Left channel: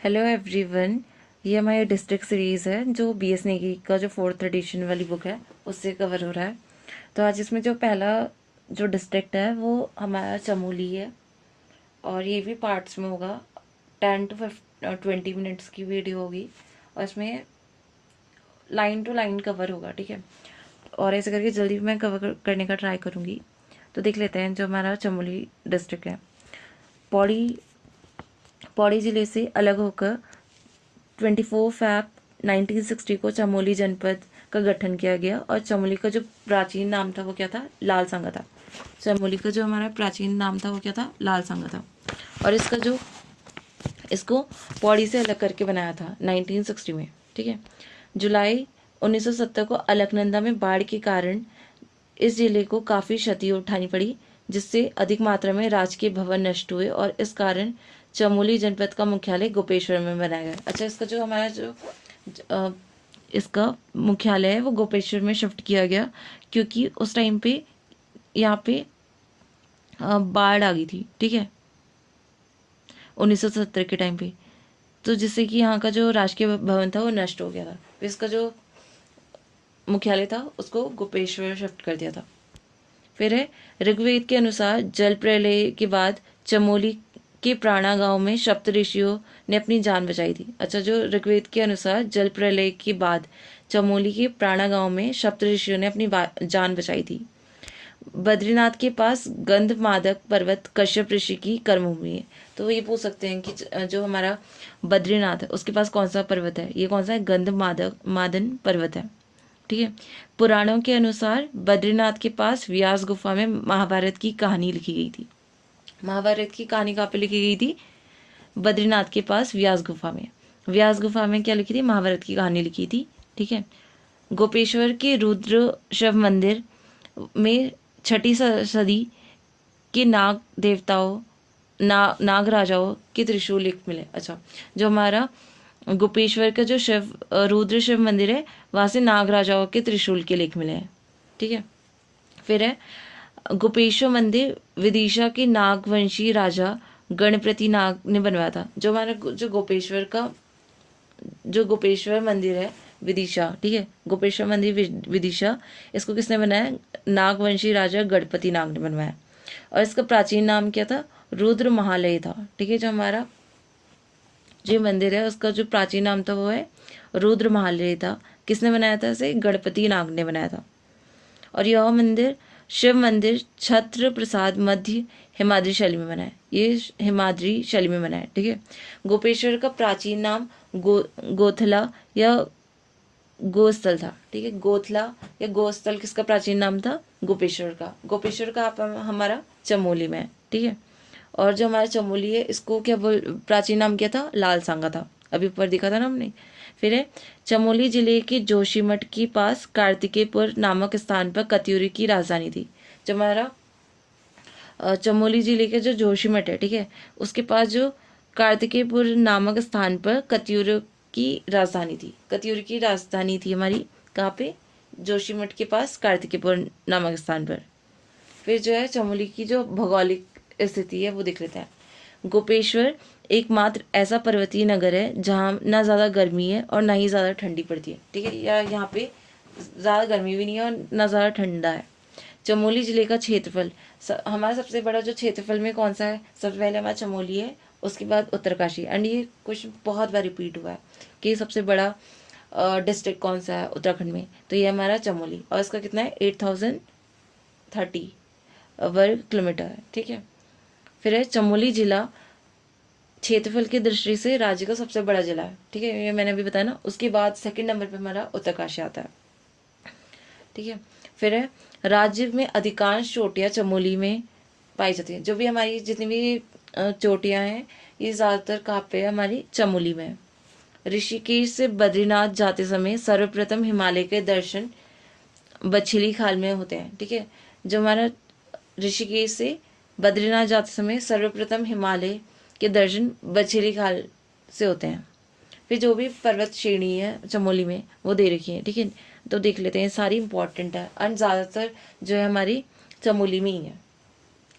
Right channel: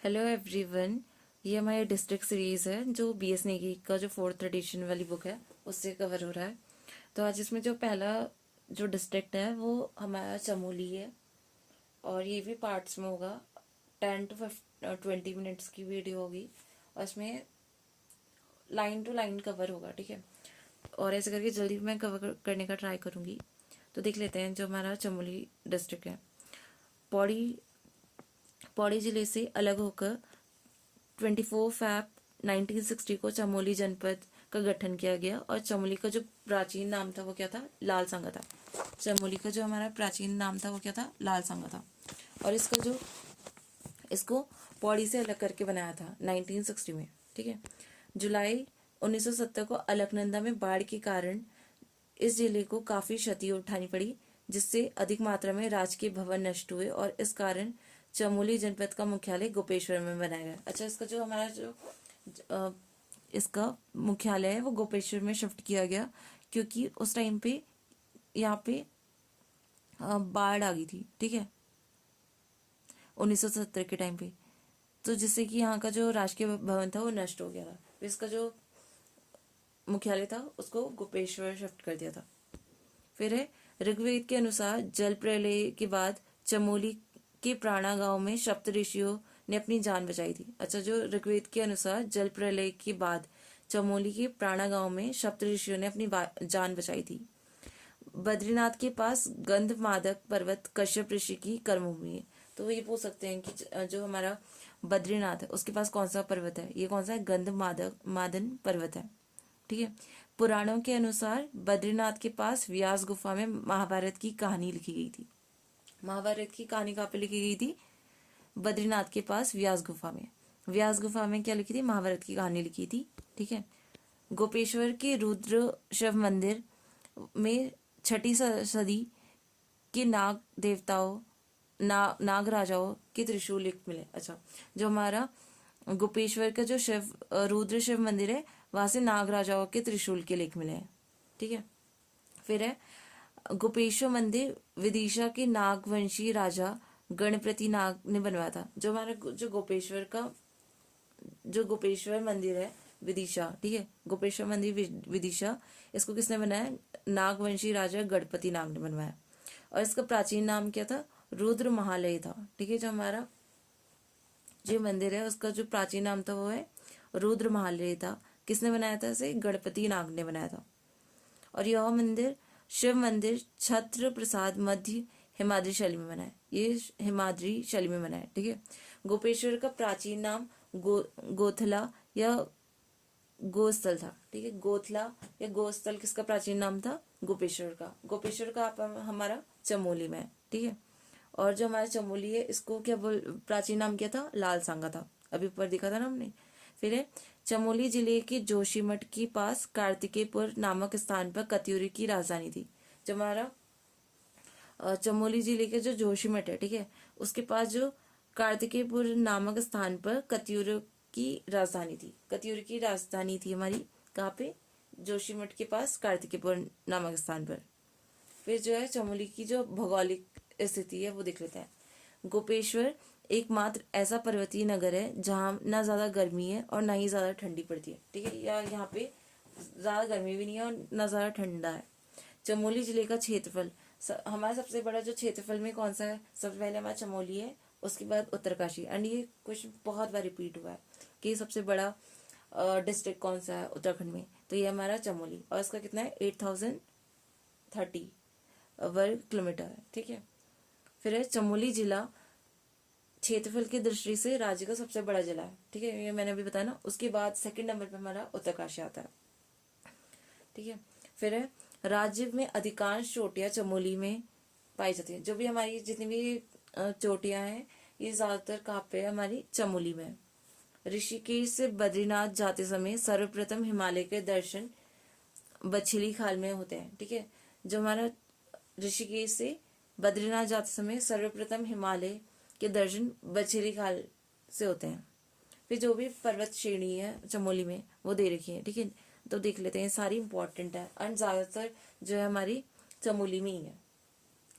Hello everyone. ये हमारी district series है जो बीएस नेगी का जो 4th एडिशन वाली बुक है उससे कवर हो रहा है। तो आज इसमें जो पहला जो डिस्ट्रिक्ट है वो हमारा चमोली है और ये भी पार्ट्स में होगा। 10 to 20 मिनट्स की वीडियो होगी और इसमें लाइन टू लाइन कवर होगा, ठीक है। और ऐसे करके जल्दी मैं कवर करने का ट्राई करूँगी। तो देख लेते हैं जो हमारा चमोली डिस्ट्रिक्ट है। पौड़ी पौड़ी ज़िले से अलग होकर 24 फ़रवरी 1960 को चमोली जनपद का गठन किया गया और चमोली का जो प्राचीन नाम था वो क्या था? लाल सांगा था। चमोली का जो हमारा प्राचीन नाम था वो क्या था? लाल सांगा था। और इसको पौड़ी से अलग करके बनाया था 1960 में, ठीक है। जुलाई 1970 को अलकनंदा में बाढ़ के कारण इस जिले को काफ़ी क्षति उठानी पड़ी, जिससे अधिक मात्रा में राजकीय भवन नष्ट हुए और इस कारण चमोली जनपद का मुख्यालय गोपेश्वर में बनाया गया। अच्छा, इसका जो हमारा इसका मुख्यालय है वो गोपेश्वर में शिफ्ट किया गया क्योंकि उस टाइम पे यहाँ पे बाढ़ आ गई थी, ठीक है, 1970 के टाइम पे। तो जिससे कि यहाँ का जो राजकीय भवन था वो नष्ट हो गया था, तो इसका जो मुख्यालय था उसको गोपेश्वर शिफ्ट कर दिया था। फिर है ऋग्वेद के अनुसार जल प्रलय के बाद चमोली के प्राणा गांव में सप्त ऋषियों ने अपनी जान बचाई थी। अच्छा, जो ऋग्वेद के अनुसार जल प्रलय के बाद चमोली के प्राणा गांव में सप्त ऋषियों ने अपनी जान बचाई थी। बद्रीनाथ के पास गंधमादक पर्वत कश्यप ऋषि की कर्मभूमि है। तो ये पूछ सकते हैं कि जो हमारा बद्रीनाथ है उसके पास कौन सा पर्वत है? ये कौन सा है? मादन पर्वत है, ठीक है। पुराणों के अनुसार बद्रीनाथ के पास व्यास गुफा में महाभारत की कहानी लिखी गई थी। महाभारत की कहानी कहाँ पे लिखी गई थी? बद्रीनाथ के पास व्यास गुफा में। व्यास गुफा में क्या लिखी थी? महाभारत की कहानी लिखी थी, ठीक है। गोपेश्वर के रुद्र शिव मंदिर में 6ठी सदी के नाग देवताओं नाग राजाओं के त्रिशूल लिख मिले। अच्छा, जो हमारा गोपेश्वर का जो रुद्र शिव मंदिर है वहाँ से नाग राजाओं के त्रिशूल के लेख मिले हैं, ठीक है। फिर है गोपेश्वर मंदिर विदिशा के नागवंशी राजा गणपति नाग ने बनवाया था। जो हमारा जो गोपेश्वर मंदिर है विदिशा, ठीक है, गोपेश्वर मंदिर विदिशा, इसको किसने बनाया? नागवंशी राजा गणपति नाग ने बनवाया। और इसका प्राचीन नाम क्या था? रुद्र महालय था, ठीक है। जो हमारा जो मंदिर है उसका जो प्राचीन नाम था वो है रुद्र महालय था। किसने बनाया था इसे? गणपति नाग ने बनाया था। और यह मंदिर शिव मंदिर छत्र प्रसाद मध्य हिमाद्री शैली में बना है। ये हिमाद्री शैली में बना है, ठीक है। गोपेश्वर का प्राचीन नाम गोथला या गोस्थल था, ठीक है। गोथला या गोस्थल किसका प्राचीन नाम था? गोपेश्वर का। गोपेश्वर का हमारा चमोली में है, ठीक है। और जो हमारा चमोली है इसको क्या प्राचीन नाम क्या था? लाल सांगा था, अभी ऊपर दिखा था ना हमने। फिर है चमोली जिले के जोशीमठ के पास कार्तिकेयपुर नामक स्थान पर कत्यूरी की राजधानी थी। जो हमारा चमोली जिले के जो जोशीमठ है, ठीक है, उसके पास जो कार्तिकेयपुर नामक स्थान पर कत्यूरी की राजधानी थी। कत्यूरी की राजधानी थी हमारी कहाँ पे? जोशीमठ के पास कार्तिकेयपुर नामक स्थान पर। फिर जो है चमोली की जो भौगोलिक स्थिति है वो देख लेते हैं। गोपेश्वर एकमात्र ऐसा पर्वतीय नगर है जहाँ ना ज़्यादा गर्मी है और ना ही ज़्यादा ठंडी पड़ती है, ठीक है। या यहाँ पे ज़्यादा गर्मी भी नहीं है और ना ज़्यादा ठंडा है। चमोली जिले का क्षेत्रफल हमारा सबसे बड़ा जो क्षेत्रफल में कौन सा है? सबसे पहले हमारा चमोली है, उसके बाद उत्तरकाशी। एंड ये क्वेश्चन बहुत बार रिपीट हुआ है कि सबसे बड़ा डिस्ट्रिक्ट कौन सा है उत्तराखंड में? तो ये हमारा चमोली, और इसका कितना है? 8030 वर्ग किलोमीटर है, ठीक है। फिर है चमोली जिला क्षेत्रफल की दृष्टि से राज्य का सबसे बड़ा जिला है, ठीक है। ये मैंने अभी बताया ना। उसके बाद सेकंड नंबर पे हमारा उत्तरकाशी आता है, ठीक है। फिर है राज्य में अधिकांश चोटियाँ चमोली में पाई जाती हैं। जो भी हमारी जितनी भी चोटियाँ हैं ये ज़्यादातर कहाँ पे है? हमारी चमोली में। ऋषिकेश से बद्रीनाथ जाते समय सर्वप्रथम हिमालय के दर्शन बछेली खाल में होते हैं, ठीक है। जो हमारा ऋषिकेश से बद्रीनाथ जाते समय सर्वप्रथम हिमालय के दर्शन बछेली खाल से होते हैं। फिर जो भी पर्वत श्रेणी है चमोली में वो दे रखी है, ठीक है। तो देख लेते हैं, सारी इंपॉर्टेंट है और ज़्यादातर जो है हमारी चमोली में ही है।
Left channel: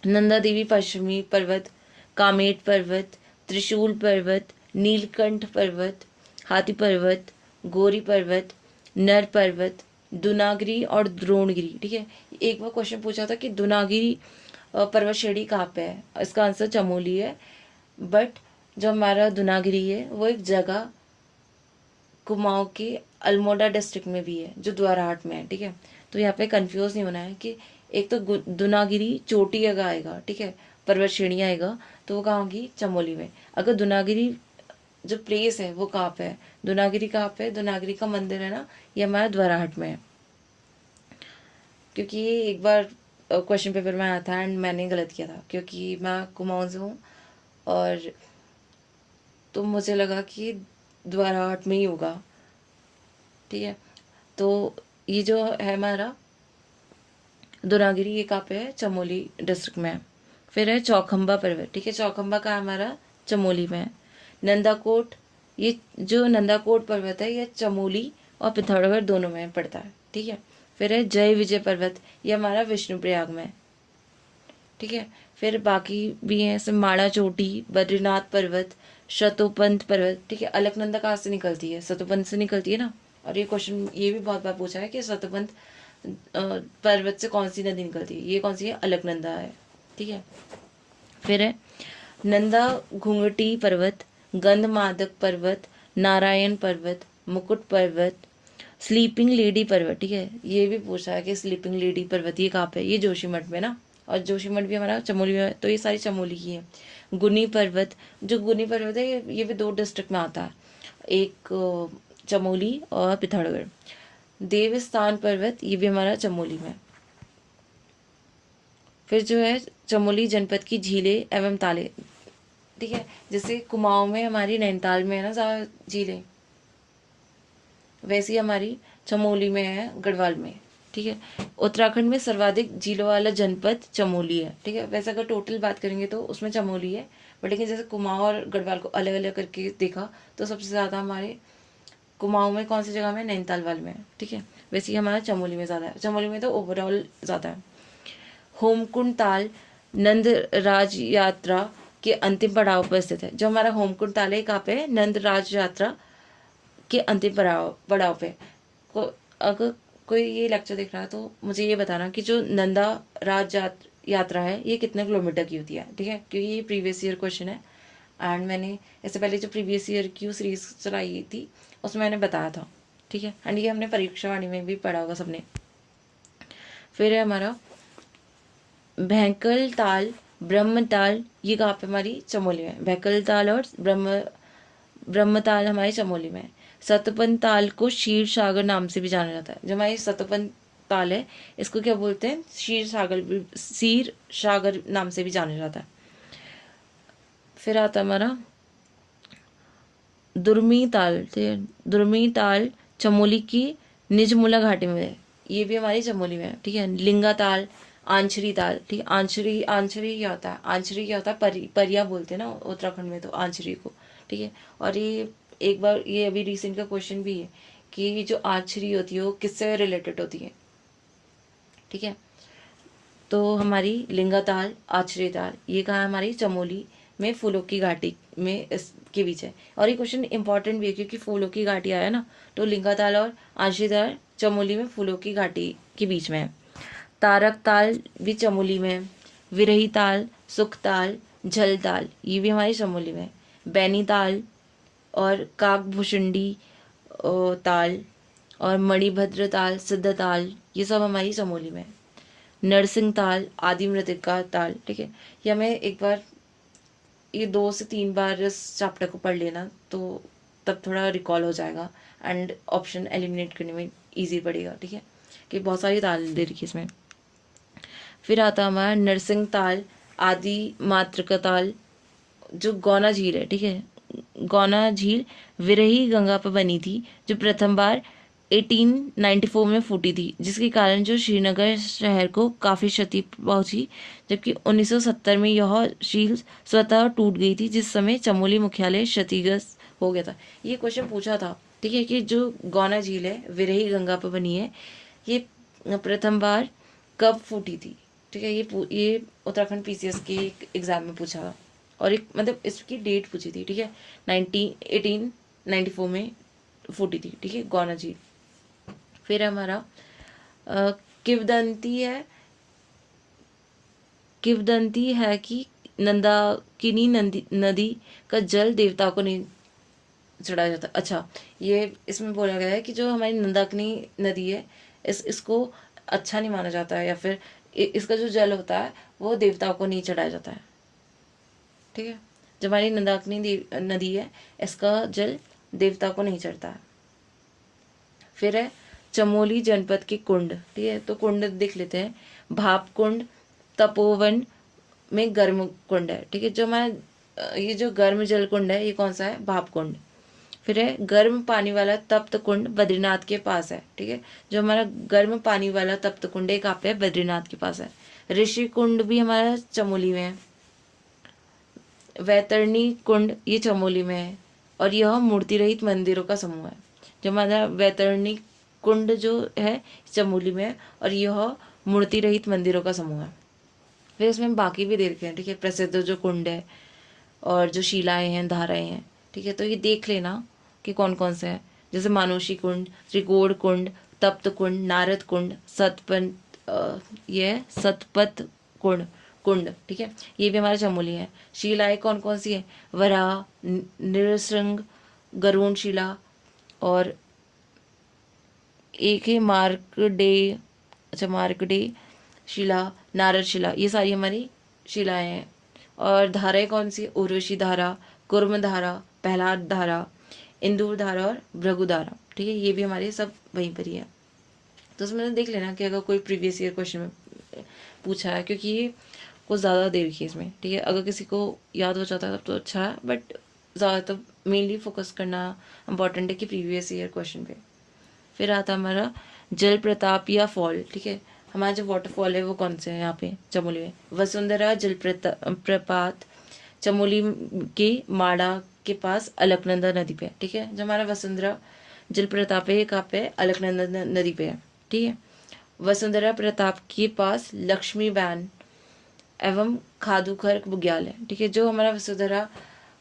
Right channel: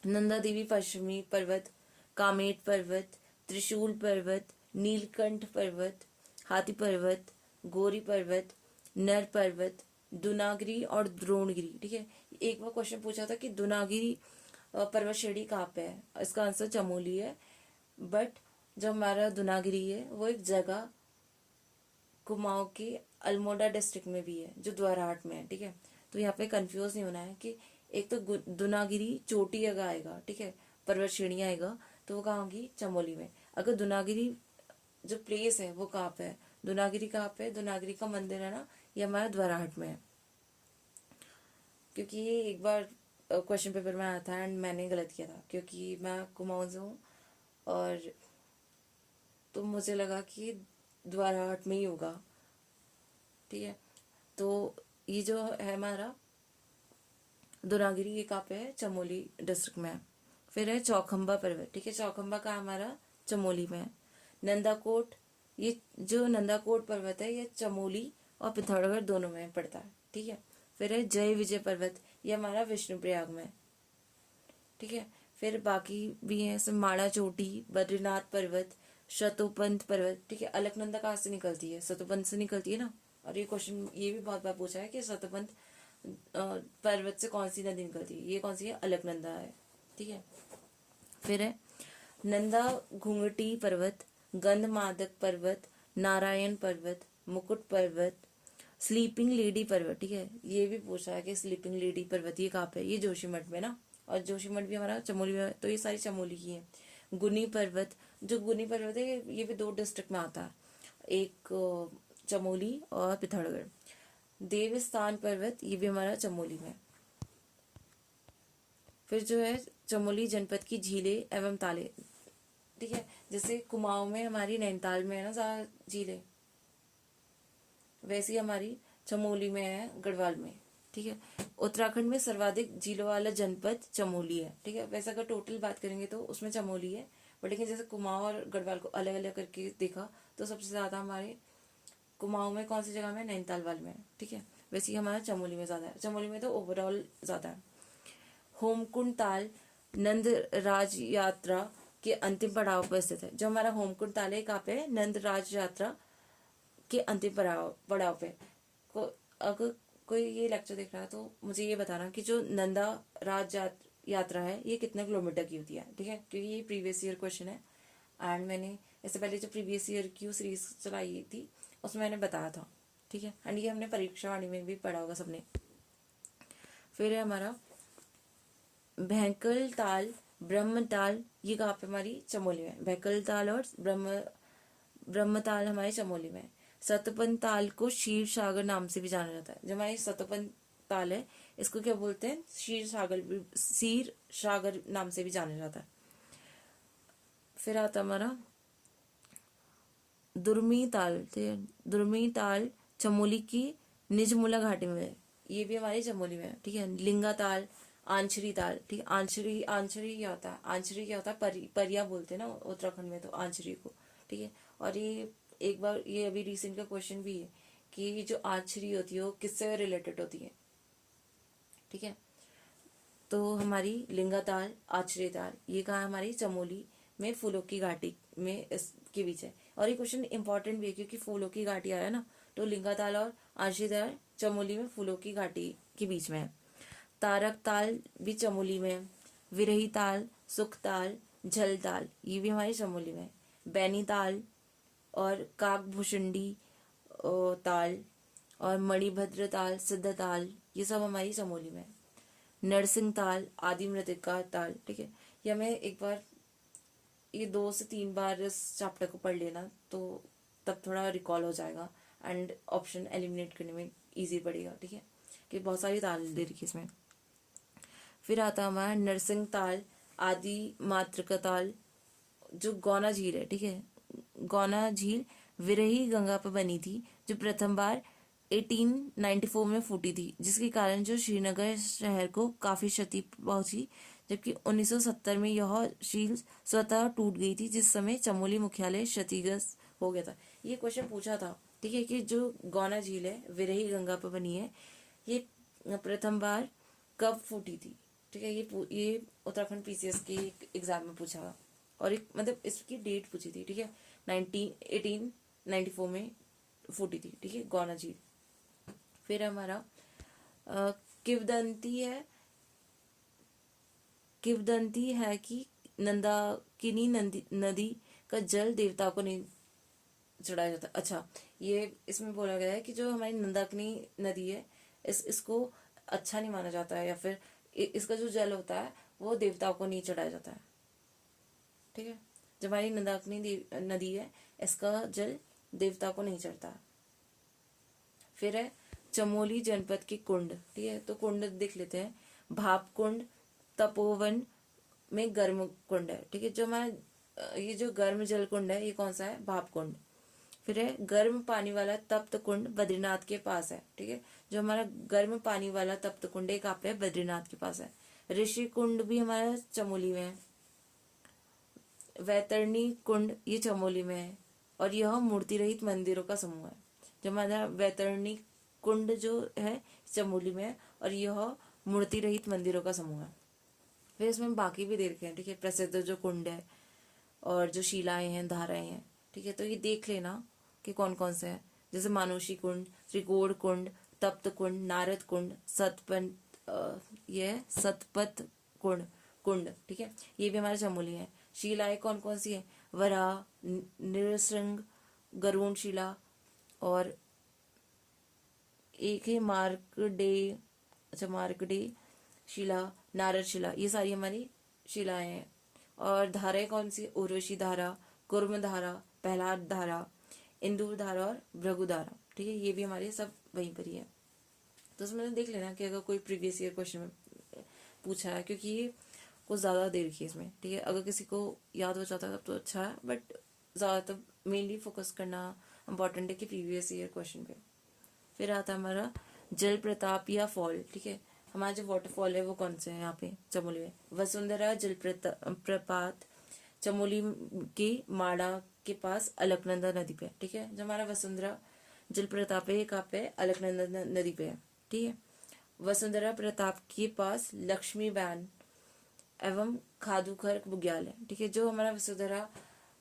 नंदा देवी पश्चिमी पर्वत, कामेट पर्वत, त्रिशूल पर्वत, नीलकंठ पर्वत, हाथी पर्वत, गौरी पर्वत, नर पर्वत, दुनागिरी और द्रोणगिरी। ठीक है, एक बार क्वेश्चन पूछा था कि दुनागिरी पर्वत श्रेणी कहाँ पे है, इसका आंसर चमोली है। बट जो हमारा दुनागिरी है वो एक जगह कुमाऊं के अल्मोड़ा डिस्ट्रिक्ट में भी है, जो द्वाराहाट में है। ठीक है, तो यहाँ पे कंफ्यूज नहीं होना है कि एक तो दुनागिरी चोटी जगह आएगा, ठीक है, पर्वत श्रेणी आएगा, तो वो कहाँ होगी, चमोली में। अगर दुनागिरी जो प्लेस है वो कहाँ पे है, दुनागिरी कहाँ पे है, दुनागिरी का मंदिर है ना, ये हमारा द्वाराहाट में है। क्योंकि ये एक बार क्वेश्चन पेपर में आया था एंड मैंने गलत किया था, क्योंकि मैं कुमाऊं से हूँ, और तो मुझे लगा कि द्वाराहाट में ही होगा। ठीक है, तो ये जो है हमारा दुनागिरी, ये कहाँ पे है, चमोली डिस्ट्रिक्ट में है। फिर है चौखंबा पर्वत। ठीक है, चौखंबा का हमारा चमोली में है। नंदाकोट, ये जो नंदाकोट पर्वत है ये चमोली और पिथौरागढ़ दोनों में पड़ता है। ठीक है, फिर है जय विजय पर्वत, ये हमारा विष्णुप्रयाग में है। ठीक है, फिर बाकी भी हैं जैसे माणा चोटी, बद्रीनाथ पर्वत, शतोपंथ पर्वत। ठीक है, अलकनंदा कहाँ से निकलती है, शतोपंथ से निकलती है ना। और ये क्वेश्चन ये भी बहुत बार पूछा है कि शतोपंथ पर्वत से कौन सी नदी निकलती है, ये कौन सी है, अलकनंदा है। ठीक है, फिर है नंदा घुंघटी पर्वत, गंधमादक पर्वत, नारायण पर्वत, मुकुट पर्वत, स्लीपिंग लेडी पर्वत। ठीक है, ये भी पूछा है कि स्लीपिंग लेडी पर्वत ये कहाँ पे है, ये जोशीमठ में ना, और जोशीमठ भी हमारा चमोली में है, तो ये सारी चमोली की है। गुनी पर्वत, जो गुनी पर्वत है ये भी 2 डिस्ट्रिक्ट में आता है, एक चमोली और पिथौरागढ़। देवस्थान पर्वत, ये भी हमारा चमोली में। फिर जो है चमोली जनपद की झीलें एवं ताले। ठीक है, जैसे कुमाऊं में हमारी नैनीताल में है ना ज़्यादा झीलें, वैसी हमारी चमोली में है, गढ़वाल में। ठीक है, उत्तराखंड में सर्वाधिक झीलों वाला जनपद चमोली है। ठीक है, वैसे अगर टोटल बात करेंगे तो उसमें चमोली है, बट लेकिन जैसे कुमाऊं और गढ़वाल को अलग अलग करके देखा तो सबसे ज़्यादा हमारे कुमाऊं में कौन सी जगह में, नैनीताल वाले में है। ठीक है, वैसे ही हमारा चमोली में ज़्यादा है, चमोली में तो ओवरऑल ज़्यादा है। होमकुंड ताल नंद राज यात्रा के अंतिम पड़ाव पर स्थित है। जो हमारा होमकुंड ताल है कहाँ पे है, नंद राज यात्रा के अंतिम पड़ाव पे। अगर कोई ये लेक्चर देख रहा है तो मुझे ये बताना कि जो नंदा राज यात्रा है ये कितने किलोमीटर की होती है। ठीक है, क्योंकि ये प्रीवियस ईयर क्वेश्चन है एंड मैंने इससे पहले जो प्रीवियस ईयर की सीरीज चलाई थी उसमें मैंने बताया था। ठीक है, एंड ये हमने परीक्षावाणी में भी पढ़ा होगा सबने। फिर है हमारा भैंकल ताल, ब्रह्मताल, ये कहाँ पे हमारी चमोली में, भैंकल ताल और ब्रह्मताल हमारी चमोली में। सतपन ताल को क्षीर सागर नाम से भी जाना जाता है। जो हमारी सतपन ताल है इसको क्या बोलते हैं, क्षीर सागर नाम से भी जाना जाता है। फिर आता हमारा दुर्मी ताल। दुर्मी ताल चमोली की निजमुला घाटी में है, ये भी हमारी चमोली में है। ठीक है, लिंगा ताल, आंचरी ताल। ठीक है, आंचरी आंचरी क्या होता है, आंचरी क्या होता है, परिया बोलते हैं ना उत्तराखंड में तो आंचरी को। ठीक है, और ये एक बार ये अभी रिसेंट का क्वेश्चन भी है कि जो आंचरी होती है वो किससे रिलेटेड होती है। ठीक है, तो हमारी लिंगा ताल, आंचरी ताल, ये कहाँ है, हमारी चमोली में फूलों की घाटी में इसके बीच है। और ये क्वेश्चन इंपॉर्टेंट भी है क्योंकि फूलों की घाटी आया ना, तो लिंगा ताल और आंचरी ताल चमोली में फूलों की घाटी के बीच में है। तारक ताल भी चमोली में है। विरही ताल, सुख ताल, झल ताल, ये भी हमारी चमोली में है। बैनी ताल और काकभूषुंडी ताल और मणिभद्र ताल, सिद्ध ताल, ये सब हमारी चमोली में है। नरसिंह ताल, आदि मृतिका ताल। ठीक है, ये हमें एक बार ये 2 से 3 बार इस चैप्टर को पढ़ लेना तो तब थोड़ा रिकॉल हो जाएगा एंड ऑप्शन एलिमिनेट करने में ईजी पड़ेगा। ठीक है, कि बहुत सारी ताल दे रखी इसमें। फिर आता हमारा नरसिंह ताल, आदि मातृका ताल, जो गौना झील है। ठीक है, गौना झील विरही गंगा पर बनी थी, जो प्रथम बार 1894 में फूटी थी, जिसके कारण जो श्रीनगर शहर को काफ़ी क्षति पहुंची, जबकि 1970 में यह झील स्वतः टूट गई थी, जिस समय चमोली मुख्यालय क्षतिग्रस्त हो गया था। ये क्वेश्चन पूछा था। ठीक है, कि जो गौना झील है विरही गंगा पर बनी है, ये प्रथम बार कब फूटी थी। ठीक है, ये उत्तराखंड पीसीएस के एग्जाम में पूछा था और एक मतलब इसकी डेट पूछी थी, ठीक है, 1894 में फूटी थी, ठीक है, गौना झील। फिर हमारा किवदंती है, किवदंती है कि नंदाकिनी नदी का जल देवताओं को नहीं चढ़ाया जाता। अच्छा, ये इसमें बोला गया है कि जो हमारी नंदाकिनी नदी है इसको अच्छा नहीं माना जाता है, या फिर इसका जो जल होता है वो देवताओं को नहीं चढ़ाया जाता है, ठीक है। जो हमारी नंदाकिनी नदी है इसका जल देवता को नहीं चढ़ता है। फिर है चमोली जनपद के कुंड, ठीक है, तो कुंड देख लेते हैं। भाप कुंड तपोवन में गर्म कुंड है, ठीक है। जो हमारा ये जो गर्म जल कुंड है ये कौन सा है? भाप कुंड। फिर है गर्म पानी वाला तप्त कुंड बद्रीनाथ के पास है, ठीक है। जो हमारा गर्म पानी वाला तप्त कुंड है कहाँ पे है? बद्रीनाथ के पास है। ऋषि कुंड भी हमारा चमोली में है। वैतरणी कुंड ये चमोली में है और यह मूर्ति रहित मंदिरों का समूह है। जो हमारा वैतरणी कुंड जो है चमोली में है और यह मूर्ति रहित मंदिरों का समूह है। फिर इसमें बाकी भी दे रखे हैं, ठीक है, प्रसिद्ध जो कुंड है और जो शिलाएं हैं, धाराएं हैं, ठीक है। तो ये देख लेना कि कौन कौन से हैं, जैसे मानुषी कुंड, त्रिकोण कुंड, तप्त कुंड, नारद कुंड, ये सतपथ कुंड कुंड, ठीक है, ये भी हमारे चमोली है। शिलाएं कौन कौन सी है? वराह, नृसिंह, गरुण शिला और एक है मार्कंडेय, अच्छा मार्कंडेय शिला, नारद शिला, ये सारी हमारी शिलाएं हैं। और धाराएं कौन सी? उर्वशी धारा, कुर्म धारा, प्रहलाद धारा, इंदूर धारा और भृगु धारा, ठीक है, ये भी हमारे सब वहीं पर ही है। तो उसमें देख लेना कि अगर कोई प्रीवियस ईयर क्वेश्चन में पूछा है, क्योंकि ये कुछ ज़्यादा दे रखी है इसमें, ठीक है। अगर किसी को याद हो जाता है तब तो अच्छा है, बट ज़्यादातर मेनली फोकस करना इम्पॉर्टेंट है कि प्रीवियस ईयर क्वेश्चन पे। फिर आता हमारा जल प्रताप या फॉल, ठीक है। हमारा जो वाटरफॉल है वो कौन से है यहाँ पे चमोली में? वसुंधरा जल प्रपात चमोली के माड़ा के पास अलकनंदा नदी पे है, ठीक है। जो हमारा वसुंधरा जल प्रताप है कहाँ पे? अलकनंदा नदी पे है, ठीक है। वसुंधरा प्रताप के पास लक्ष्मी वैन एवं खादुखर बुग्याल है, ठीक है। जो हमारा वसुंधरा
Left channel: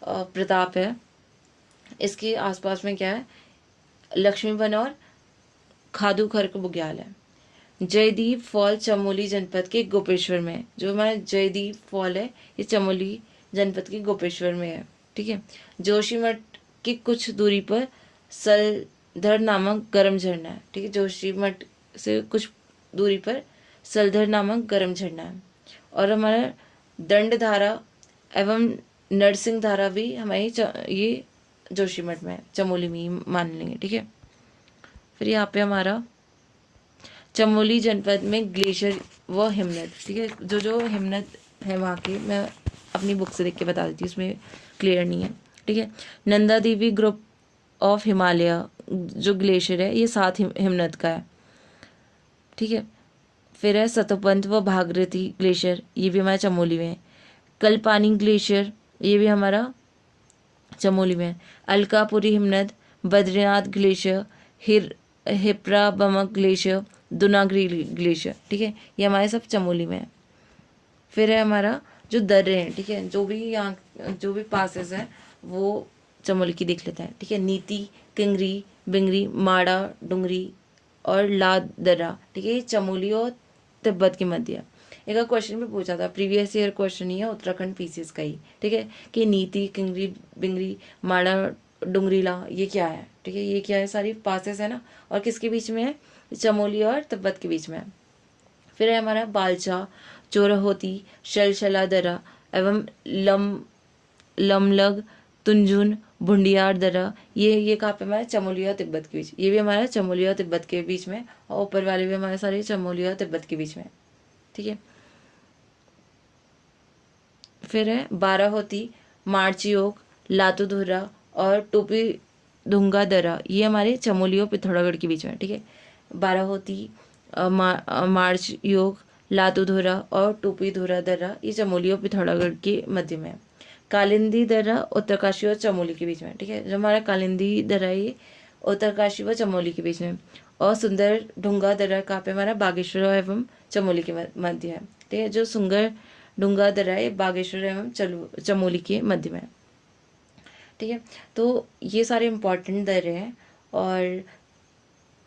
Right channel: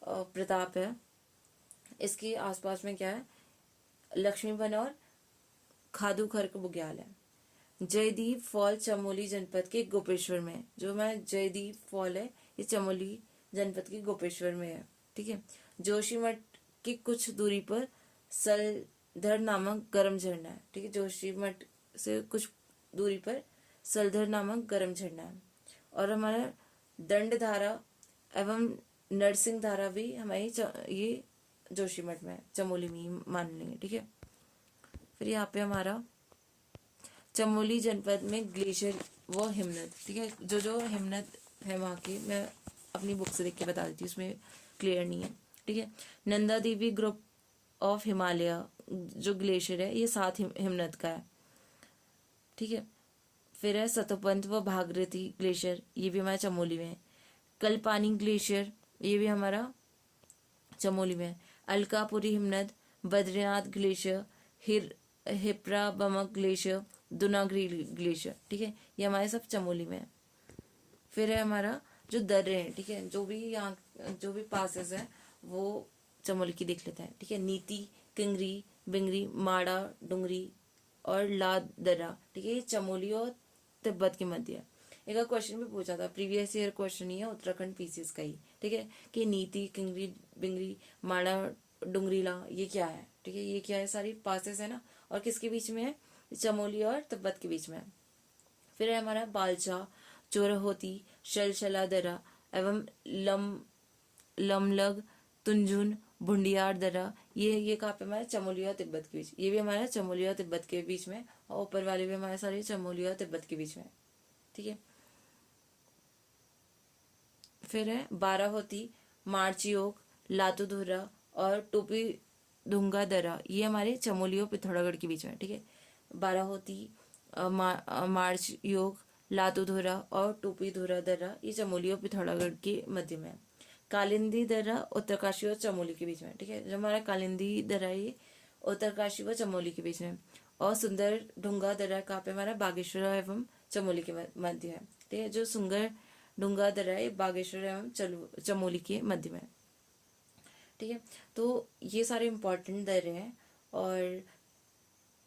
प्रताप है इसके आसपास में क्या है? लक्ष्मी वन और खादुखर बुग्याल है। जयदीप फॉल चमोली जनपद के गोपेश्वर में है। जो हमारा जयदीप फॉल है ये चमोली जनपद के गोपेश्वर में है, ठीक है। जोशीमठ की कुछ दूरी पर सलधर नामक गर्म झरना है, ठीक है। जोशीमठ से कुछ दूरी पर सलधर नामक गर्म झरना है। और हमारा दंडधारा एवं नरसिंह धारा भी हमारी ये जोशीमठ में है, चमोली में ही मान लेंगे, ठीक है। फिर यहाँ पे हमारा चमोली जनपद में ग्लेशियर व हिमनद, ठीक है। जो हिमनद है वहाँ के मैं अपनी बुक से देख के बता देती हूँ, उसमें क्लियर नहीं है, ठीक है। नंदा देवी ग्रुप ऑफ हिमालय जो ग्लेशियर है ये 7 हिमनद का है, ठीक है। फिर है सतोपंथ व भागीरथी ग्लेशियर, ये भी हमारा चमोली में है। कल्पानी ग्लेशियर ये भी हमारा चमोली में है। अलकापुरी हिमनद, Badrinath glacier, Hiprabamak glacier, Dunagiri glacier, ठीक है, ये हमारे सब चमोली में है। फिर है हमारा जो दर्रे हैं, ठीक है, जो भी यहाँ जो भी पासेस हैं वो चमोली की देख लेते हैं, ठीक है। नीति, किंगरी, बिंगरी, माड़ा, डुंगरी और लाद दर्रा, ठीक है, ये चमोली और तिब्बत के मध्य है। एक क्वेश्चन भी पूछा था, प्रीवियस ईयर क्वेश्चन ही है उत्तराखंड पीसीएस का ही, ठीक है, कि नीति, किंगरी, बिंगरी, माड़ा, डुंगरीला ये क्या है, ठीक है, ये क्या है? सारी पासेस है ना, और किसके बीच में है? चमोली और तिब्बत के बीच में है। फिर है हमारा बालचा, चोरहोती, शलशला दर्रा एवं लमलग, तुंजुन, भुंडियार दर्रा, ये कहाँ पे हमारे? चमोली और तिब्बत के बीच, ये भी हमारा चमोली और तिब्बत के बीच में, और ऊपर वाले भी हमारे सारे चमोली और तिब्बत के बीच में, ठीक है। फिर है बाराहोती, मार्चियोक, लातूधुरा और टोपी धुंगा दर्रा, ये हमारे चमोली और पिथौरागढ़ के बीच में, ठीक है। बाराहोती, मार्च योग, लातूधुरा और टोपी धुरा दर्रा ये चमोली और पिथौरागढ़ के मध्य में है। कालिंदी दर्रा उत्तरकाशी और चमोली के बीच में, ठीक है। जो हमारा कालिंदी दर्रा ये उत्तरकाशी व चमोली के बीच में। और सुंदर ढुंगा दर्रा कहाँ पे? हमारा बागेश्वर एवं चमोली के मध्य है, ठीक है। जो सुंदर डूंगा दर्रा ये बागेश्वर एवं चमोली के मध्य में। ठीक है, तो ये सारे इम्पोर्टेंट दर्रे हैं। और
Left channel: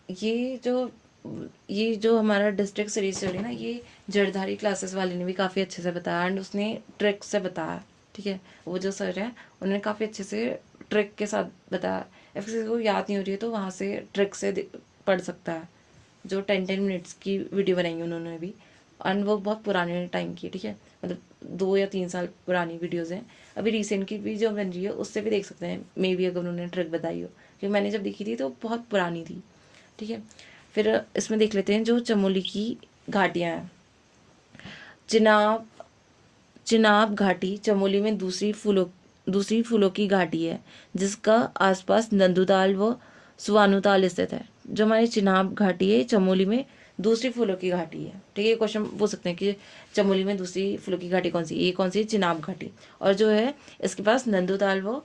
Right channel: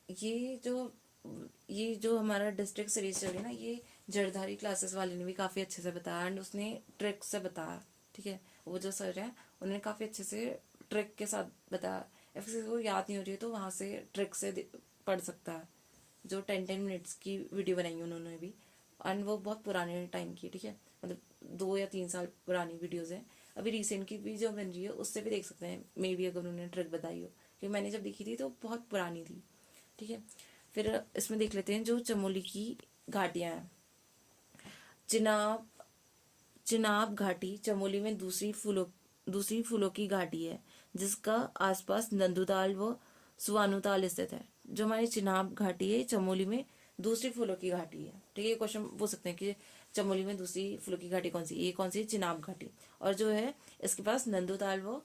ये जो हमारा डिस्ट्रिक्ट सीरीज चली ना, ये जड़धारी क्लासेस वाले ने भी काफ़ी अच्छे से बताया एंड उसने ट्रिक से बताया। ठीक है, वो जो सर है उन्होंने काफ़ी अच्छे से ट्रिक के साथ बताया। if किसी को याद नहीं हो रही है तो वहाँ से ट्रिक से पढ़ सकता है। जो 10 मिनट्स की वीडियो बनाई है उन्होंने भी, एंड वो बहुत पुराने टाइम की, ठीक है, मतलब 2 या 3 साल पुरानी वीडियोस हैं। अभी रिसेंट की भी जो बन रही है उससे भी देख सकते हैं, मे बी अगर उन्होंने ट्रिक बताई हो, क्योंकि मैंने जब देखी थी तो बहुत पुरानी थी। ठीक है, फिर इसमें देख लेते हैं जो चमोली की घाटियाँ हैं। चिनाब घाटी चमोली में दूसरी फूलों की घाटी है, जिसका आसपास नंदुताल व सुवानुताल स्थित है। जो हमारी चिनाब घाटी है चमोली में दूसरी फूलों की घाटी है। ठीक है, ये क्वेश्चन पूछ सकते हैं कि चमोली में दूसरी फूलों की घाटी कौन सी, ये कौन सी, चिनाब घाटी, और जो है इसके पास नंदुताल व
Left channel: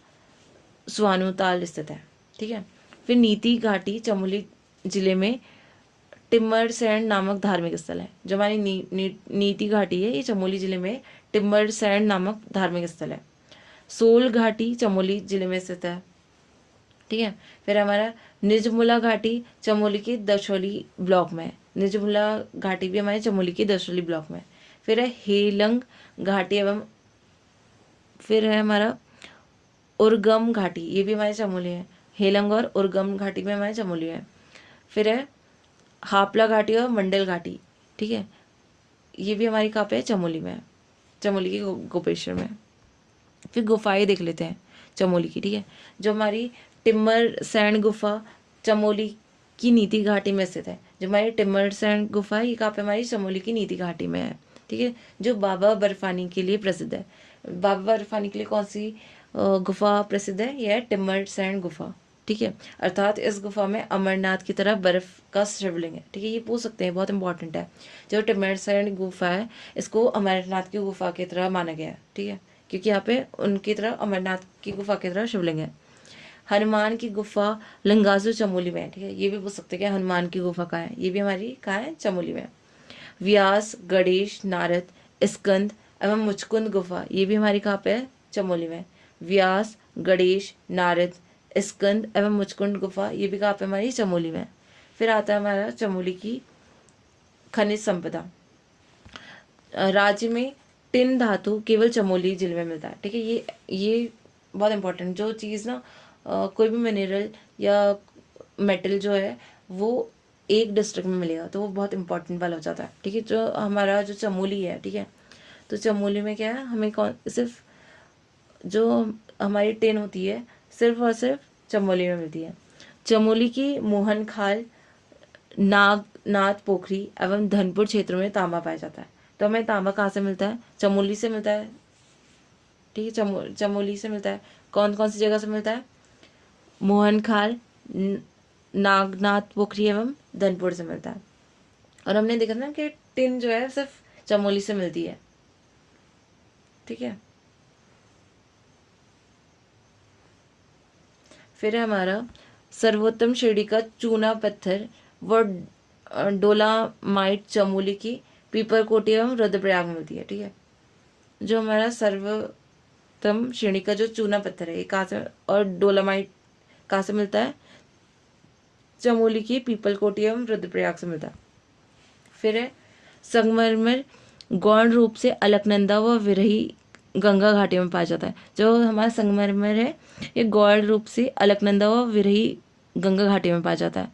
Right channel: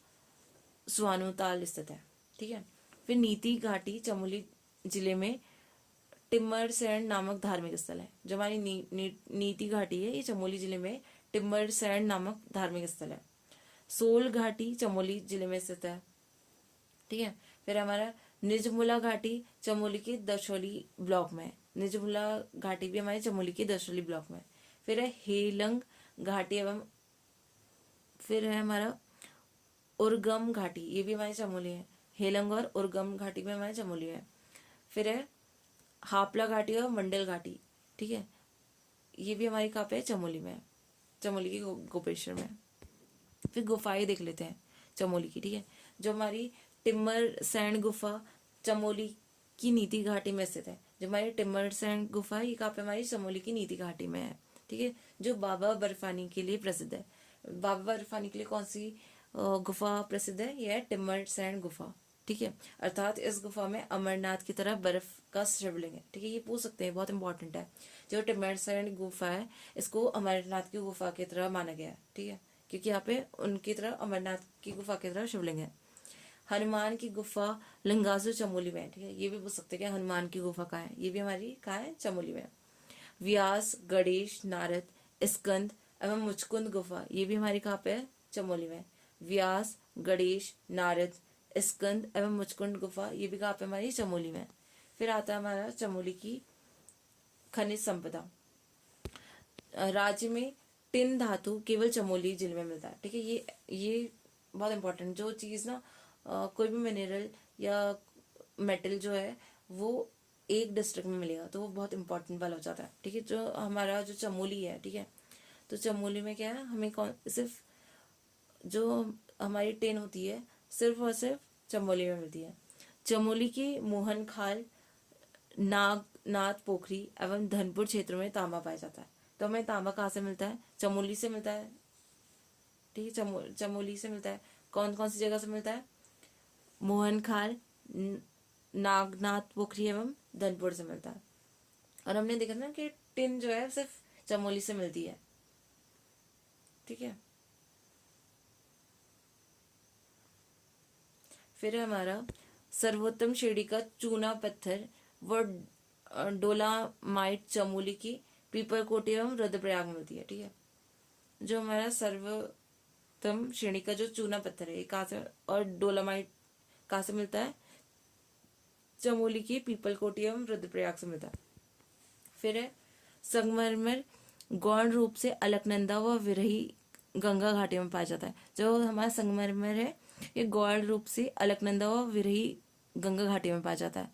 सुवानुताल स्थित है। ठीक है, फिर नीति घाटी चमोली जिले में टिम्मरसैंड नामक धार्मिक स्थल है। जो हमारी नीति घाटी है ये चमोली जिले में टिम्मरसैंड नामक धार्मिक स्थल है। सोल घाटी चमोली जिले में स्थित है। ठीक है, फिर हमारा निजमुला घाटी चमोली के दशोली ब्लॉक में है। निजमुला घाटी भी हमारे चमोली के दशोली ब्लॉक में है। फिर है हेलंग घाटी एवं फिर है हमारा उर्गम घाटी, ये भी हमारे चमोली है। हेलंग और उर्गम घाटी में हमारे चमोली है। फिर है हापला घाटी और मंडल घाटी। ठीक है, ये भी हमारी कहाँ पे है, चमोली में है, चमोली के गोपेश्वर में। फिर गुफाएं देख लेते हैं चमोली की। ठीक है, जो हमारी टिम्मर सैंड गुफा चमोली की नीति घाटी में स्थित है। जो हमारी टिम्मर सैंड गुफा है ये कहाँ पे, हमारी चमोली की नीति घाटी में है। ठीक है, जो बाबा बर्फानी के लिए प्रसिद्ध है। बाबा बर्फानी के लिए कौन सी गुफा प्रसिद्ध है, यह है टिम्मर सैंड गुफा। ठीक है, अर्थात इस गुफा में अमरनाथ की तरह बर्फ का शिवलिंग है। ठीक है, ये पूछ सकते हैं, बहुत इंपॉर्टेंट है। जो टिम्मर सैंड गुफा है इसको अमरनाथ की गुफा की तरह माना गया है। ठीक है, क्योंकि यहाँ पे उनकी तरह अमरनाथ की गुफा की तरह शिवलिंग है। हनुमान की गुफा लंगासू चमोली में है। ठीक है, ये भी पूछ सकते हैं कि हनुमान की गुफा कहाँ है, ये भी हमारी कहाँ है, चमोली में। व्यास, गणेश, नारद, स्कंद एवं मुचकुंद गुफा, ये भी हमारी कहाँ पे है, चमोली में। व्यास, गणेश, नारद, स्कंद एवं मुचकुंद गुफा, ये भी कहाँ पे, हमारी चमोली में। फिर आता है हमारा चमोली की खनिज संपदा। राज्य में टिन धातु केवल चमोली जिले में मिलता है। ठीक है, ये बहुत इंपॉर्टेंट, जो चीज़ ना कोई भी मिनरल या मेटल जो है वो एक डिस्ट्रिक्ट में मिलेगा तो वो बहुत इंपॉर्टेंट वाला हो जाता है। ठीक है, जो हमारा जो चमोली है, ठीक है, तो चमोली में क्या है, हमें सिर्फ जो हमारी टिन होती है सिर्फ और सिर्फ चमोली में मिलती है। चमोली की मोहन खाल, नागनाथ पोखरी एवं धनपुर क्षेत्रों में तांबा पाया जाता है। तो हमें तांबा कहाँ से मिलता है, चमोली से मिलता है। ठीक है, चमोली से मिलता है। कौन कौन सी जगह से मिलता है, मोहन खाल, नागनाथ पोखरी एवं धनपुर से मिलता है। और हमने देखा ना कि टिन जो है सिर्फ चमोली से मिलती है। ठीक है, फिर है हमारा सर्वोत्तम श्रेणी का चूना पत्थर व डोलामाइट चमोली की पीपरकोटी एवं रुद्रप्रयाग में मिलती है। ठीक है, जो हमारा सर्वोत्तम श्रेणी का जो चूना पत्थर है ये कहाँ से, और डोलामाइट कहाँ से मिलता है, चमोली की पीपलकोटी एवं रुद्रप्रयाग से मिलता है। फिर है संगमरमर गौण रूप से अलकनंदा व विरही गंगा घाटी में पाया जाता है। जो हमारा संगमरमर है ये गौण रूप से अलकनंदा व विरही गंगा घाटी में पाया जाता है।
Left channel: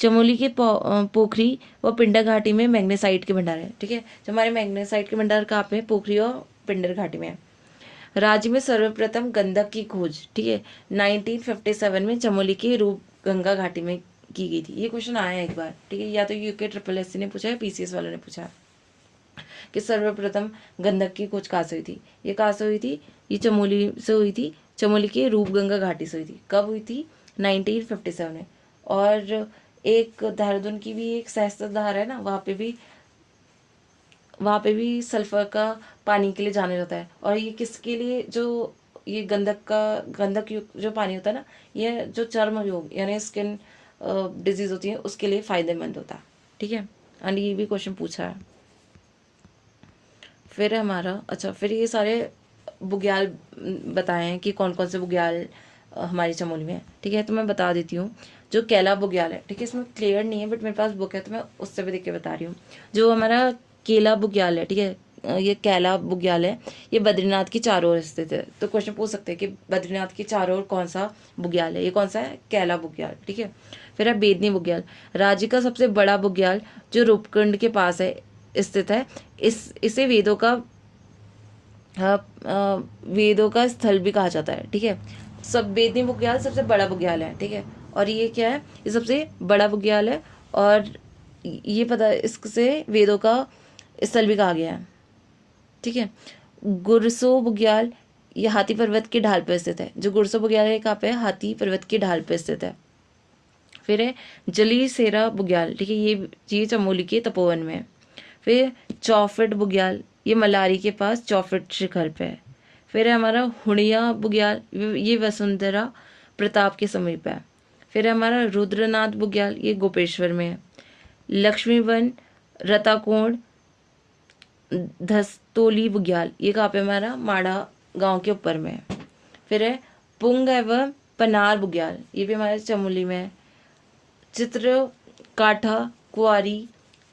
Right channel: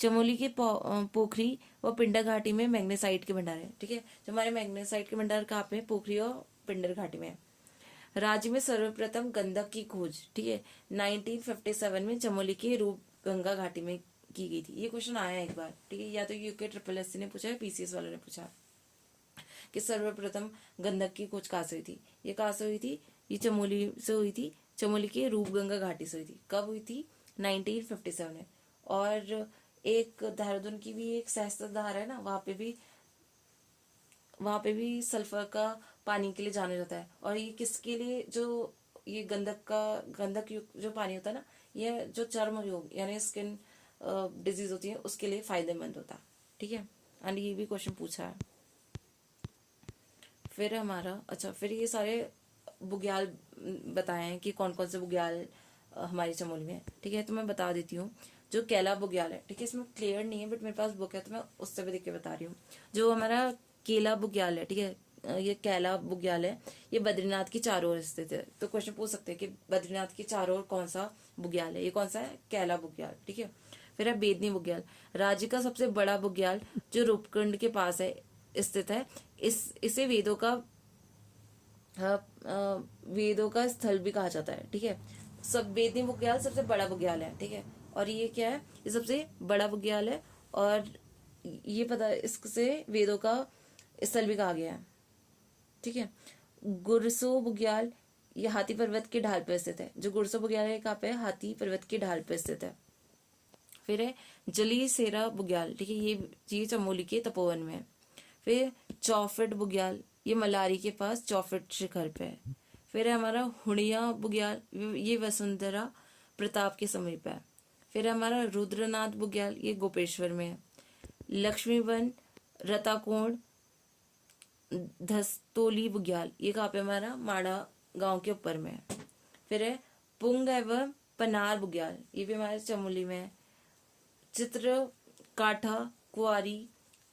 चमोली के पोखरी व पिंडर घाटी में मैग्नेसाइट के भंडार है। ठीक है, जो हमारे मैग्नेसाइट के भंडार कहाँ पे, पोखरी और पिंडर घाटी में है। राज्य में सर्वप्रथम गंधक की खोज, ठीक है, 1957 में चमोली के रूप गंगा घाटी में की गई थी। ये क्वेश्चन आया है एक बार। ठीक है, या तो यूके SSC ने पूछा है, PCS वालों ने पूछा है कि सर्वप्रथम गंधक की खोज कहाँ से हुई थी। ये कहाँ से हुई थी, ये चमोली से हुई थी, चमोली के रूपगंगा घाटी से हुई थी। कब हुई थी, 1957 में। और एक देहरादून की भी एक सहस्त्र धार है ना, वहाँ पे भी सल्फर का पानी के लिए जाना जाता है। और ये किसके लिए, जो ये गंधक युक्त जो पानी होता है ना, ये जो चर्म रोग यानी स्किन डिजीज होती है उसके लिए फायदेमंद होता है। ठीक है, एंड ये भी क्वेश्चन पूछा है। फिर हमारा अच्छा, फिर ये सारे बुग्याल बताए हैं कि कौन कौन से बुग्याल हमारी चमोली में है। ठीक है, तो मैं बता देती हूँ। जो केला बुग्याल है, ठीक है, इसमें क्लियर नहीं है बट मेरे पास बुक है तो मैं उससे भी देख के बता रही हूँ। जो हमारा केला बुग्याल है, ठीक है, ये कैला बुग्याल है, ये बद्रीनाथ की चारों ओर स्थित है। तो क्वेश्चन पूछ सकते हैं कि बद्रीनाथ की चारों ओर कौन सा बुग्याल है, ये कौन सा है, कैला बुग्याल। ठीक है, फिर है बेदनी बुग्याल, राज्य का सबसे बड़ा बुग्याल जो रूपकुंड के पास है स्थित है। इसे वेदों का स्थल भी कहा जाता है। ठीक है, सब बेदनी बुग्याल सबसे बड़ा बुग्याल है। ठीक है, और ये क्या है, ये सबसे बड़ा बुग्याल है और ये पता है इससे वेदों का स्थल भी कहा गया है। ठीक है, गुरसो बुग्याल ये हाथी पर्वत की ढाल पर स्थित है। जो गुरसो बुग्याल है कहाँ पे है, हाथी पर्वत की ढाल पर स्थित है। फिर है जली सेरा बुग्याल, ठीक है, ये चमोली के तपोवन में है। फिर चौफिट बुग्याल, ये मलारी के पास चौफिट शिखर पे है। फिर है हमारा हुड़िया बुग्याल, ये वसुंधरा प्रताप के समीप है। फिर है हमारा रुद्रनाथ बुग्याल, ये गोपेश्वर में है। लक्ष्मीवन रताकोण धस्तोली बुग्याल, ये कहाँ पे हमारा माड़ा गांव के ऊपर में है। फिर है पुंग एवं पनार बुग्याल, ये भी हमारे चमोली में है। चित्र काठा कुआरी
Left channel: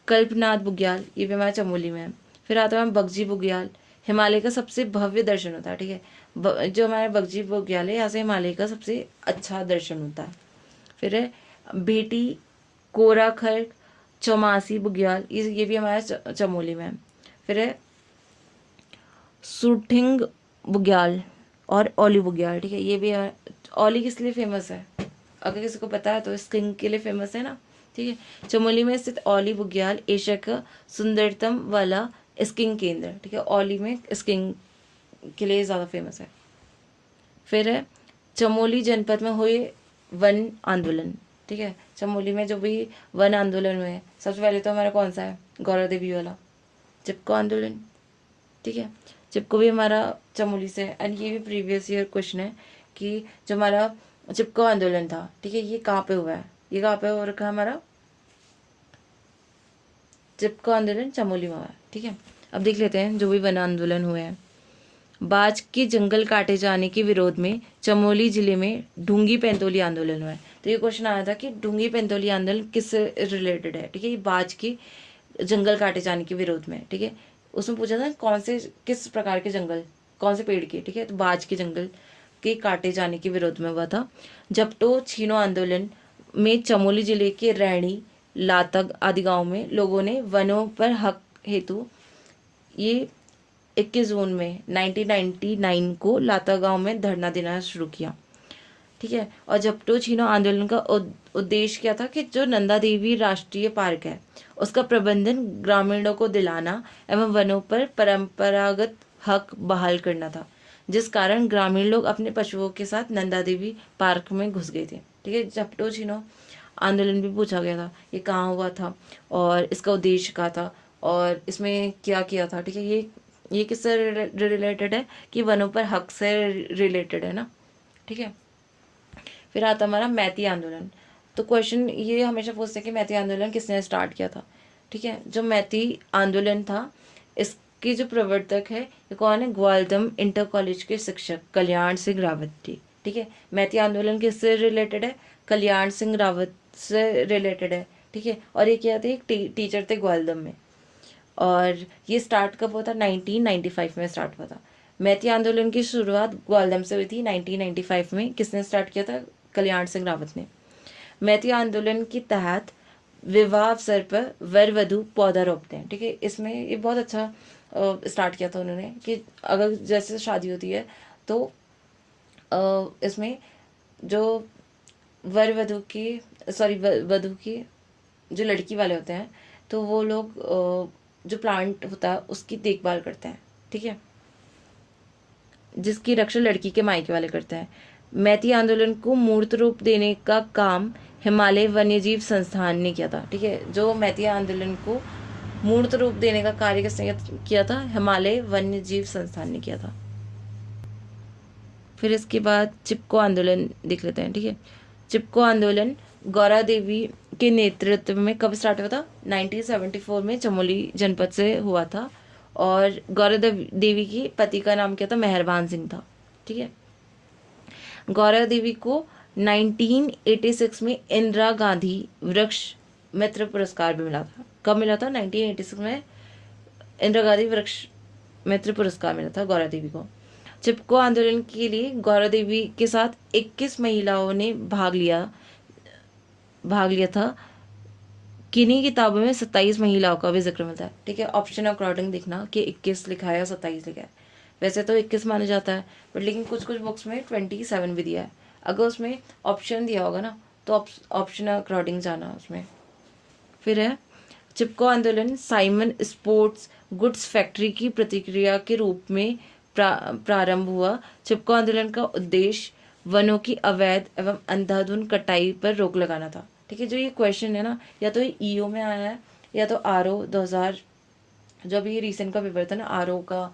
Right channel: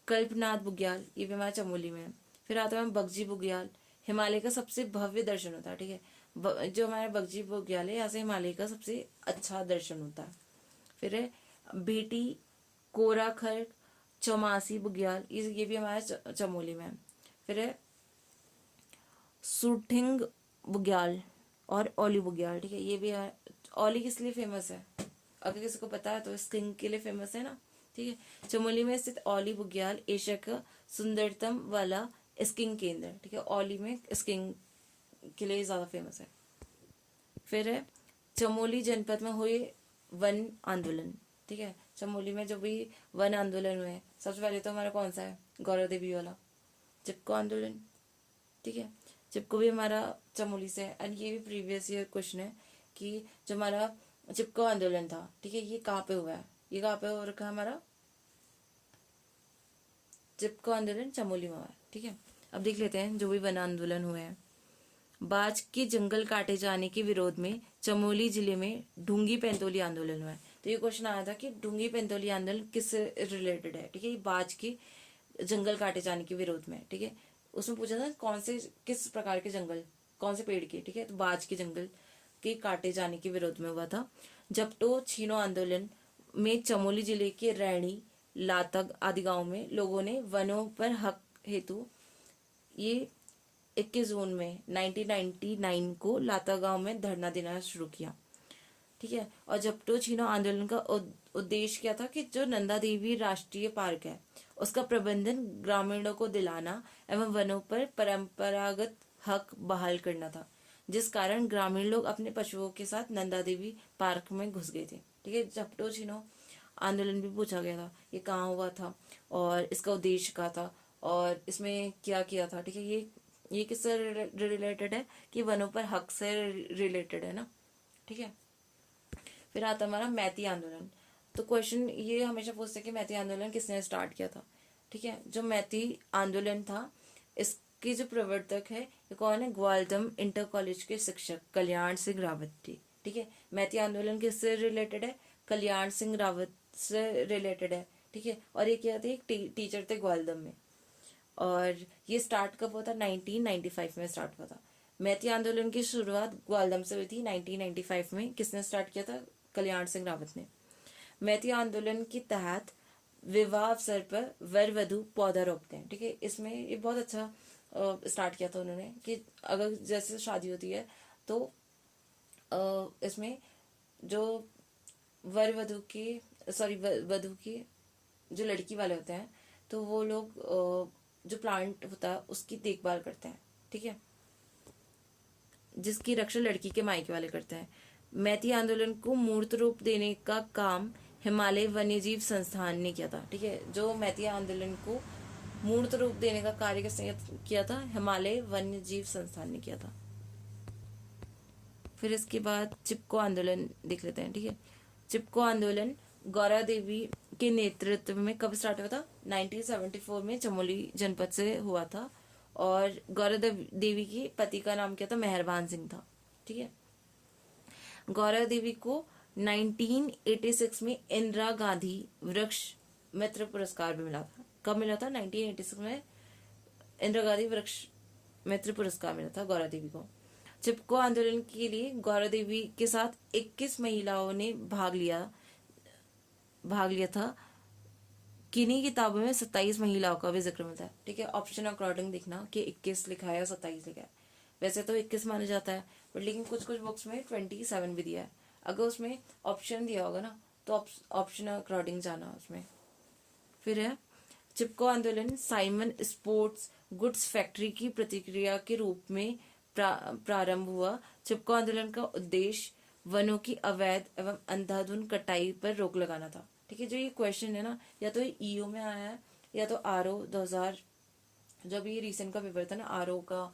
कल्पनाथ बुग्याल, ये भी हमारे चमोली में है। फिर आता है बगजी बुग्याल, हिमालय का सबसे भव्य दर्शन होता है। ठीक है, जो हमारे बगजी बुग्याल है यहाँ से हिमालय का सबसे अच्छा दर्शन होता है। फिर है बेटी कोराखर चौमासी बुग्याल, ये भी हमारे चमोली में है। फिर है सुठिंग बुग्याल और ओली बुग्याल, ठीक है, ये भी है। ओली किस लिए फेमस है, अगर किसी को पता है तो स्किंग के लिए फेमस है ना। ठीक है, चमोली में स्थित ओली बुग्याल एशिया का सुंदरतम वाला स्किंग केंद्र। ठीक है, ओली में स्किंग के लिए ज़्यादा फेमस है। फिर है चमोली जनपद में हुए वन आंदोलन। ठीक है, चमोली में जो भी वन आंदोलन हुए, सबसे पहले तो हमारा कौन सा है, गौरा देवी वाला चिपको आंदोलन। ठीक है, चिपको भी हमारा चमोली से है। एंड ये भी प्रीवियस ईयर क्वेश्चन है कि जो हमारा चिपको आंदोलन था, ठीक है, ये कहाँ पे हुआ है, ये कहाँ पे हो रखा है हमारा, चिपको आंदोलन चमोली में हुआ है। ठीक है, अब देख लेते हैं जो भी वन आंदोलन हुए हैं। बाज के जंगल काटे जाने के विरोध में चमोली जिले में ढूंगी पेंतोली आंदोलन हुआ है। तो ये क्वेश्चन आया था कि ढूंगी पेंतोली आंदोलन किससे रिलेटेड है। ठीक है, ये बाज के जंगल काटे जाने के विरोध में। ठीक है, उसमें पूछा था कौन से किस प्रकार के जंगल, कौन से पेड़ के। ठीक है, तो बाज के जंगल के काटे जाने के विरोध में हुआ था। जपटो छीनो आंदोलन में चमोली जिले के रैणी लातग आदि गांव में लोगों ने वनों पर हक हेतु ये 21 जून में 1999 को लाता गांव में धरना देना शुरू किया। ठीक है, और जपटो छीनो आंदोलन का उद्देश्य क्या था कि जो नंदा देवी राष्ट्रीय पार्क है उसका प्रबंधन ग्रामीणों को दिलाना एवं वनों पर परंपरागत हक बहाल करना था, जिस कारण ग्रामीण लोग अपने पशुओं के साथ नंदा देवी पार्क में घुस गए थे। ठीक है, जपटो छीनो आंदोलन भी पूछा गया था, ये कहाँ हुआ था और इसका उद्देश्य क्या था और इसमें क्या किया था। ठीक है, ये किससे रिलेटेड है कि वनों पर हक से रिलेटेड है ना। ठीक है, फिर आता हमारा मैती आंदोलन। तो क्वेश्चन ये हमेशा पूछते हैं कि मैती आंदोलन किसने स्टार्ट किया था। ठीक है, जो मैती आंदोलन था इसके जो प्रवर्तक है ये कौन है, ग्वालदम इंटर कॉलेज के शिक्षक कल्याण सिंह रावत थे। ठीक है, मैती आंदोलन किससे रिलेटेड है, कल्याण सिंह रावत से रिलेटेड है। ठीक है, और ये क्या थे, एक टीचर थे ग्वालदम में। और ये स्टार्ट कब हुआ था, 1995 में स्टार्ट हुआ था। मैती आंदोलन की शुरुआत ग्वालदम से हुई थी 1995 में। किसने स्टार्ट किया था, कल्याण सिंह रावत ने। मैती आंदोलन के तहत विवाह अवसर पर वर वधु पौधा रोपते हैं। ठीक है, इसमें ये बहुत अच्छा स्टार्ट किया था उन्होंने कि अगर जैसे शादी होती है तो इसमें जो वर वधु की वधु की जो लड़की वाले होते हैं तो वो लोग जो प्लांट होता है उसकी देखभाल करते हैं। ठीक है, जिसकी रक्षा लड़की के मायके वाले करते हैं। मैती आंदोलन को मूर्त रूप देने का काम हिमालय वन्यजीव संस्थान ने किया था। ठीक है, जो मैती आंदोलन को मूर्त रूप देने का कार्य किसने किया था, हिमालय वन्यजीव संस्थान ने किया था। फिर इसके बाद चिपको आंदोलन देख लेते हैं। ठीक है, चिपको आंदोलन गौरा देवी के नेतृत्व में कब स्टार्ट हुआ था, 1974 में चमोली जनपद से हुआ था और गौरव देवी की पति का नाम क्या था, मेहरबान सिंह था। ठीक है, गौरव देवी को 1986 में इंदिरा गांधी वृक्ष मित्र पुरस्कार भी मिला था। कब मिला था? 1986 में इंदिरा गांधी वृक्ष मित्र पुरस्कार मिला था गौरव देवी को। चिपको आंदोलन के लिए गौरव देवी के साथ 21 महिलाओं ने भाग लिया था। किन्हीं किताबों में 27 महिलाओं का भी जिक्र मिलता है। ठीक है, ऑप्शन अकॉर्डिंग देखना कि 21 लिखा है या 27 लिखा है। वैसे तो 21 माना जाता है, बट लेकिन कुछ कुछ बुक्स में 27 भी दिया है। अगर उसमें ऑप्शन दिया होगा ना तो ऑप्शन अकॉर्डिंग जाना उसमें। फिर है चिपको आंदोलन साइमन स्पोर्ट्स गुड्स फैक्ट्री की प्रतिक्रिया के रूप में प्रारंभ हुआ। चिपको आंदोलन का उद्देश्य वनों की अवैध एवं अंधाधुंध कटाई पर रोक लगाना था। ठीक है, जो ये क्वेश्चन है ना, या तो ये ईओ में आया है या तो आरओ 2000, जो अभी रिसेंट का पेपर था ना आरओ का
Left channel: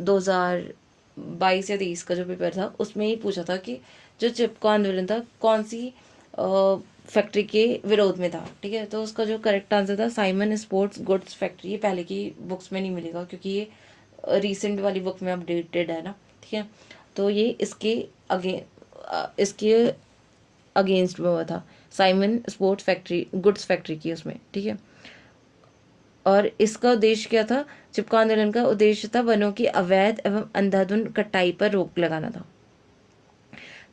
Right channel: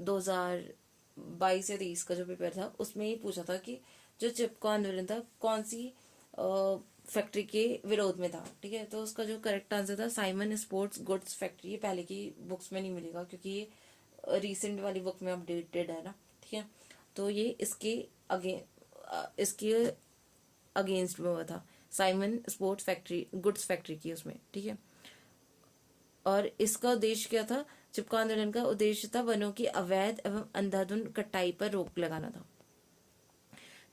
2022 या 23 का जो पेपर था, उसमें ही पूछा था कि जो चिपको आंदोलन था कौन सी फैक्ट्री के विरोध में था। ठीक है, तो उसका जो करेक्ट आंसर था साइमन स्पोर्ट्स गुड्स फैक्ट्री। ये पहले की बुक्स में नहीं मिलेगा क्योंकि ये रिसेंट वाली बुक में अपडेटेड है ना। ठीक है, तो ये इसके अगेंस्ट में हुआ था, Simon sports factory goods factory की उसमें। ठीक है, और इसका उद्देश्य क्या था? चिपको आंदोलन का उद्देश्य था वनों की अवैध एवं अंधाधुंध कटाई पर रोक लगाना था।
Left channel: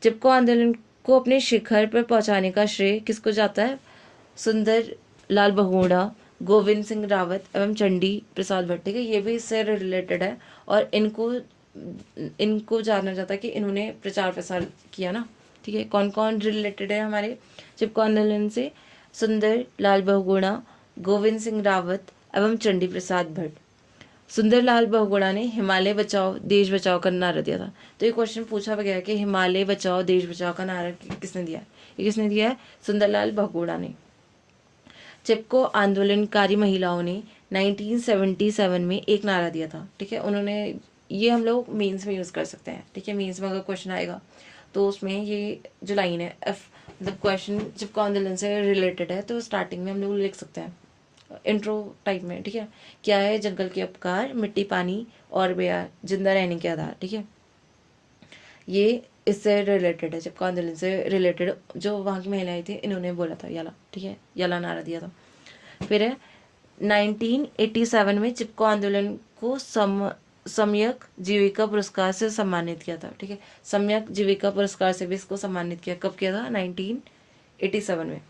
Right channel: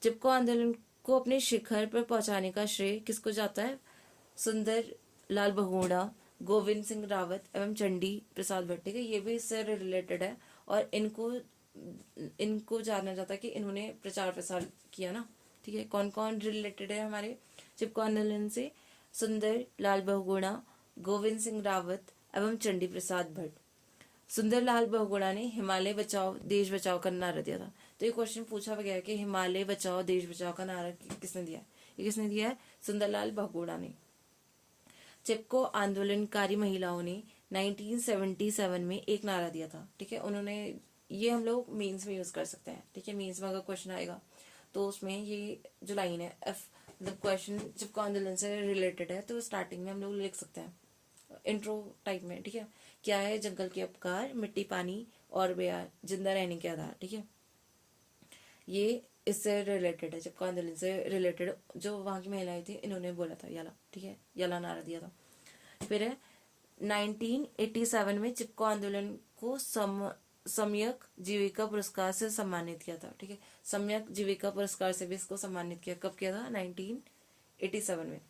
चिपको आंदोलन को अपने शिखर पर पहुंचाने का श्रेय किसको जाता है? सुंदर लाल बहुगुणा, गोविंद सिंह रावत एवं चंडी प्रसाद भट्ट। ठीक है, ये भी इससे रिलेटेड है और इनको जाना जाता है कि इन्होंने प्रचार प्रसार किया ना। ठीक है, कौन कौन रिलेटेड है हमारे चिपको आंदोलन से? सुंदर लाल बहुगुणा, गोविंद सिंह रावत एवं चंडी प्रसाद भट्ट। सुंदरलाल बहुगुणा ने हिमालय बचाओ देश बचाओ का नारा दिया था। तो ये क्वेश्चन पूछा गया कि हिमालय बचाओ देश बचाओ का नारा किसने दिया? ये किसने दिया है? सुंदरलाल बहुगुणा ने। चिपको आंदोलनकारी महिलाओं ने 1977 में एक नारा दिया था। ठीक है, उन्होंने, ये हम लोग मेंस में यूज कर सकते हैं। ठीक है, मेंस में अगर क्वेश्चन आएगा तो उसमें ये जो लाइन है मतलब क्वेश्चन चिपको आंदोलन से रिलेटेड है तो स्टार्टिंग में हम लोग लिख सकते हैं इंट्रो टाइप में। ठीक है, क्या है जंगल के उपकार, मिट्टी पानी और बेया जिंदा रहने के आधार। ठीक है, ये इससे रिलेटेड है, चिपको आंदोलन से रिलेटेड जो वहाँ की महिलाएं थी इन्होंने बोला था याला। ठीक है, याला नारा दिया था। फिर है 1987 में चिपको आंदोलन को सम्यक जीविका पुरस्कार से सम्मानित किया था। ठीक है, सम्यक जीविका पुरस्कार से भी इसको सम्मानित किया। कब किया था? 1987 में।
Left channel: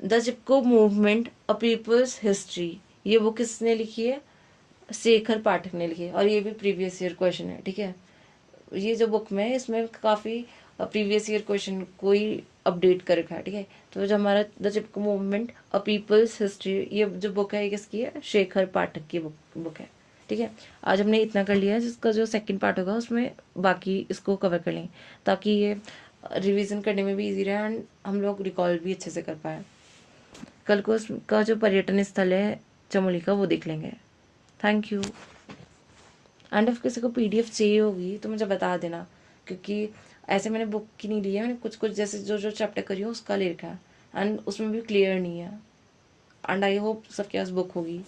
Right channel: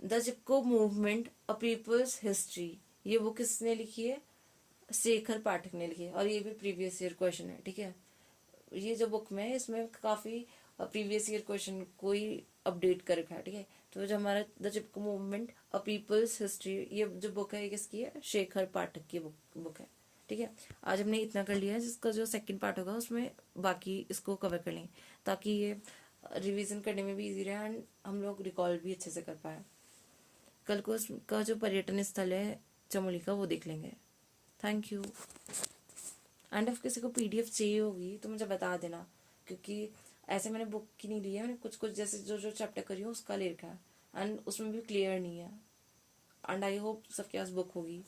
The Chipko movement a people's history, ये बुक किसने लिखी है? शेखर पाठक ने लिखी है और ये भी प्रीवियस ईयर क्वेश्चन है। ठीक है, ये जो बुक में इसमें काफ़ी प्रीवियस ईयर क्वेश्चन को ही अपडेट कर रखा है। ठीक है, तो जो हमारा the Chipko movement a people's history, ये जो बुक है ये किसकी है? शेखर पाठक की बुक है। ठीक है, आज हमने इतना कर लिया है, जिसका जो सेकंड पार्ट होगा उसमें बाकी इसको कवर कर लेंगे ताकि ये रिवीजन करने में भी इजी रहे एंड हम लोग रिकॉल भी अच्छे से कर पाए। कल को उसका जो पर्यटन स्थल है चमोली का वो देख लेंगे। Thank you. एंड if किसी को PDF चाहिए होगी तो मुझे बता देना, क्योंकि ऐसे मैंने बुक की नहीं ली है, मैंने कुछ कुछ जैसे जो जो चैप्टर करी हूँ उसका ले रखा है एंड उसमें भी क्लियर नहीं है एंड आई होप सबके पास बुक होगी।